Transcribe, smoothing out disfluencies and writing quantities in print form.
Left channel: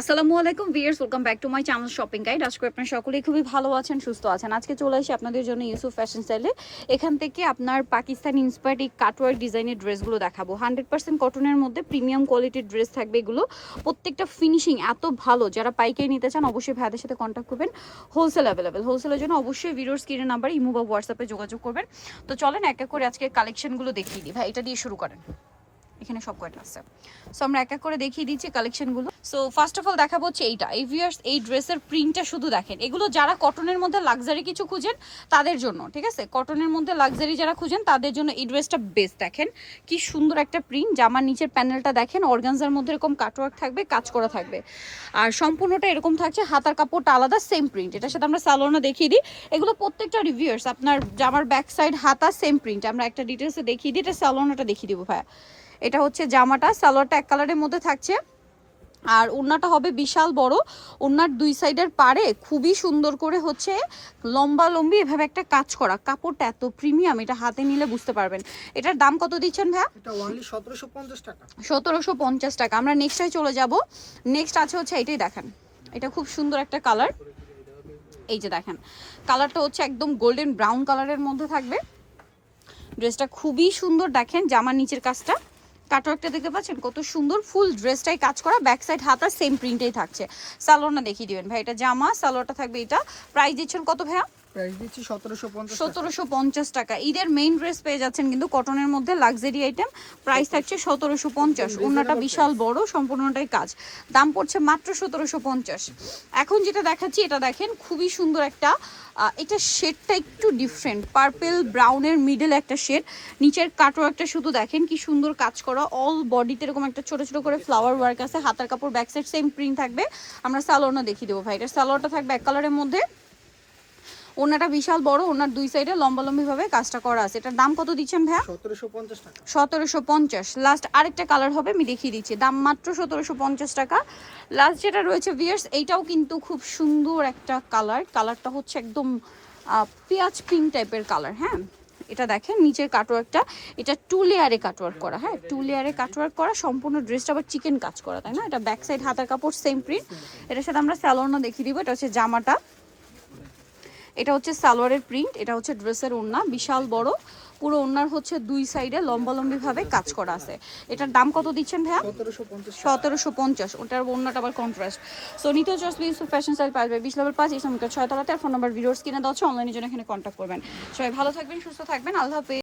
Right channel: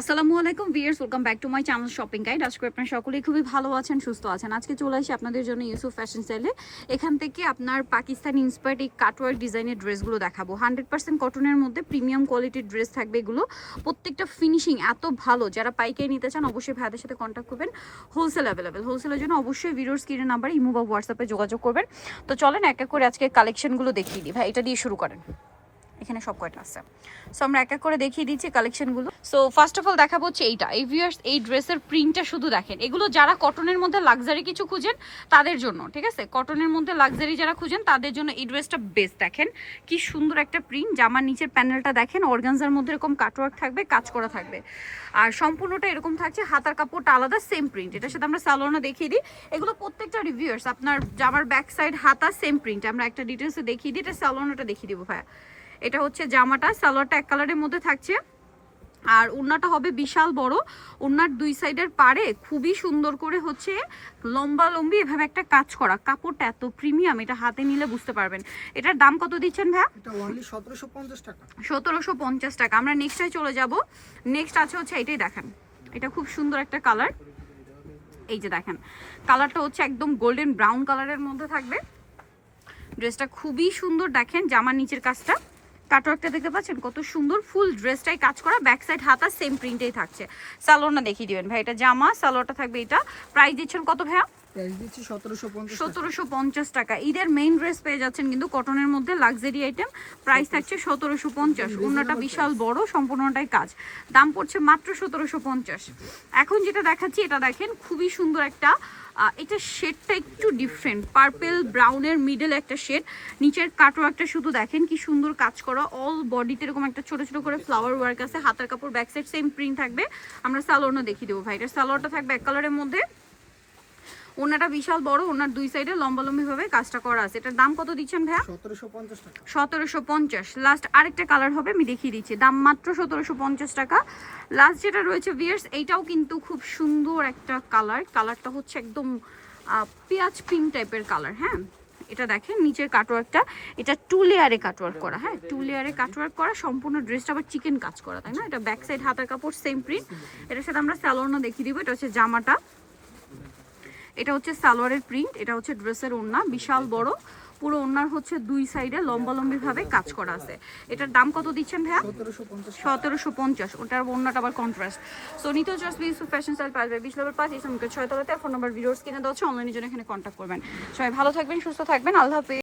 আসসালামু আলাইকুম viewers, welcome back to my channel shopping guide. আজকে আপনারা সকলেই খুবই ভালো আছেন, সুস্থ আছেন। আজকে চলে আসি আপনাদের জন্য ইউসুফ ফ্যাশন স্টাইলে। এখান থেকে আপনার পাকিস্তানি ইন্সপায়ার্ড এই কাটওয়ার্ক ডিজাইনের ড্রেসগুলো দেখাবো। 100% কটনের মধ্যে প্রিমিয়াম কোয়ালিটির ড্রেস থাকবে এগুলো। প্রত্যেকটা ফিনিশিং এত ভালো, যারা পাইকারি নিতে চান অবশ্যই ভাইদের সাথে কন্ট্যাক্ট করবেন। হোলসেল অ্যাভেলেবেল, হোলসেলের জন্য অবশ্যই ভিডিওর স্ক্রিনের নাম্বার ইমো বা হোয়াটসঅ্যাপে যোগাযোগ করবেন। তো চলেন এক এক করে আজকে কালেকশনগুলো দেখিয়ে দিই। ভাই এটা দিয়ে শুরু করেন, এখানে সব কয়টা আছে। সো আমরা এক এক করে দেখিয়ে দিচ্ছি কালেকশনগুলো। সো ফার্স্ট অফ অল দেখাবো হচ্ছে এইটা। এই ভিউয়ার্স, এই ড্রেসের প্রিন্টটা শুধু দেখেন। এগুলো যারা কটনের মধ্যে লাক্সারি কিছু খুঁজেন তাদের জন্য, ঠিক আছে, কটনের মধ্যে লাক্সারি যারা খুঁজেন তাদের জন্য এই ড্রেসটা বেস্ট। দেখেন কি সুন্দর একটা প্রিন্ট, জামার নিচের প্যানেলটা দেখেন, অর্গানজার মধ্যে এরকম কাটওয়ার্ক থাকবে, কাজ করা থাকবে, আর সম্পূর্ণটা এরকম থাকছে। হাতার কাপড়টা আলাদা, সেম প্রিন্ট। এটার সাথে আমরা সালোয়ারটা দেখিয়ে দিই। এগুলো প্রত্যেকটা রিভিউয়ার্স আপনার জামার ব্যাক সাইড হাতা সেম প্রিন্ট। আমরা একটা ডিটেলসে দেখিয়ে দিই, এটা সালোয়ারটা দেখিয়ে দিব ভাইয়া। এটা হচ্ছে জামাটা, সালোয়ারটা এক কালারের মধ্যে থাকছে, আর ওড়নাটা হবে বিশাল বড়। ওড়নার দুই সাইডের পারে খুবই সুন্দর করে হচ্ছে লম্বা লম্বি এভাবে একটা কাজ করা। কাপড়টা এত প্রিমিয়াম, এটা হাতে নিলে বুঝতে পারবেন। এটার দাম কত দিচ্ছেন ভাইয়া? এটা অনলি 1750 টাকা। 1750 টাকা। আমরা নেক্সটে চলে যাব। নেক্সট আছে হচ্ছে এটাই দেখেন, এটা খুব সুন্দর একটা কালার। এই যে দেখেন, কালারটা হচ্ছে একদম গোল্ডেন ব্রাউন কালারের মধ্যে থাকবে। ড্রেসটা খুবই সুন্দর, দেখেন জামার নিচের কাজটা, কাটওয়ার্কটা দেখতে পাচ্ছেন কত সুন্দর। ফুল ড্রেসটাই কাজ করা, ব্যাক সাইড হাতা সেম প্রিন্টেই থাকছে। সালোয়ারটা দেখিয়ে দিবেন ভাই। এটা জামা, সালোয়ারটা থাকবে এটা। প্রাইস দিচ্ছেন কত ভাইয়া? প্রাইস দিচ্ছি 1750 টাকা। 1750 টাকা। ঈদের মেইন ড্রেস পেয়ে যাচ্ছেন কিন্তু কটনের মধ্যে লাক্সারি আইটেম। প্রাইস থাকছে 1750। ওড়নাটা বিশাল বড়, সম্পূর্ণটাই কাজ। দাম পড়ছে মাত্র 1750। এখন যেটা দেখাচ্ছি এটা দেখেন, খুবই সুন্দর একটা, এটা শেডটা একটু ডিফারেন্ট, পার্পল ব্রাউনের মিডল একটা শেড। নিচের কাটওয়ার্কটা শুধু দেখেন কি সুন্দর কাজ করা। অল বডিতে এরকম একটা ছোট ছোট করে ফ্লাওয়ার ওয়ার্ক আছে। হাতার কাপড় ব্যাক সাইড সেম প্রিন্ট থাকবে। আমরা সালোয়ারটা দেখিয়ে দেবো ভাই। এটার সালোয়ারটা থাকবে এক কালারের মধ্যে। ওনাটা বিশাল বড়, ওনার দুই সাইডে লম্বা লম্বি ভাবে কাজটা করা আছে। এটার দাম কত দিচ্ছেন ভাইয়া? 1750 টাকা। 1750। লাস্ট আরেকটা কালার হবে, আমি দেখিয়ে দিচ্ছি। দাম মাত্র 1750 টাকা। লাস্ট যেটা রয়েছে ভিউয়ার্স, এইটাও কিন্তু খুব সুন্দর একটা কালার। কালারটা হচ্ছে একদম পেঁয়াজ পিঙ্ক টাইপের কালার। হ্যাঁ, এটা দেখেন নিচের কাটওয়ার্কটা, এটা 2 লেয়ারে কাটওয়ার্ক করা। হ্যাঁ, 2 লেয়ারে কাটওয়ার্ক করা, সম্পূর্ণ ড্রেসটা আবার চিকেন কাজ করা, তাই না? এটা ব্যাক সাইড হাতার কাপড় সেম প্রিন্ট। এটার সাথে আমরা সালোয়ারটা দেখিয়ে দিব। এটা হচ্ছে জামাটা, এটা হচ্ছে সালোয়ারের প্রিন্ট, এটা হচ্ছে ড্রেসের ওড়না বিশাল বড়। পুরো ওড়নার হচ্ছে দুই সাইডে লম্বা লম্বি ভাবে কাজ করা আছে। এটার দাম কত দিচ্ছেন ভাইয়া? 1750। ওটার ওড়নাটা আবার কন্ট্রাস্ট। সো নিতে চার্জ ইউসুফ ফ্যাশন স্টাইল পাবে 20 লেভেল 5 ইসলামিকের 6 তলাতে। আর ফোন নাম্বার ভিডিওস কিনে দেওয়া হচ্ছে, অনলাইনের জন্য এখানে কন্ট্যাক্ট করবেন। সবাই ভালো থাকবেন, সুস্থ থাকবেন, আল্লাহ হাফেজ।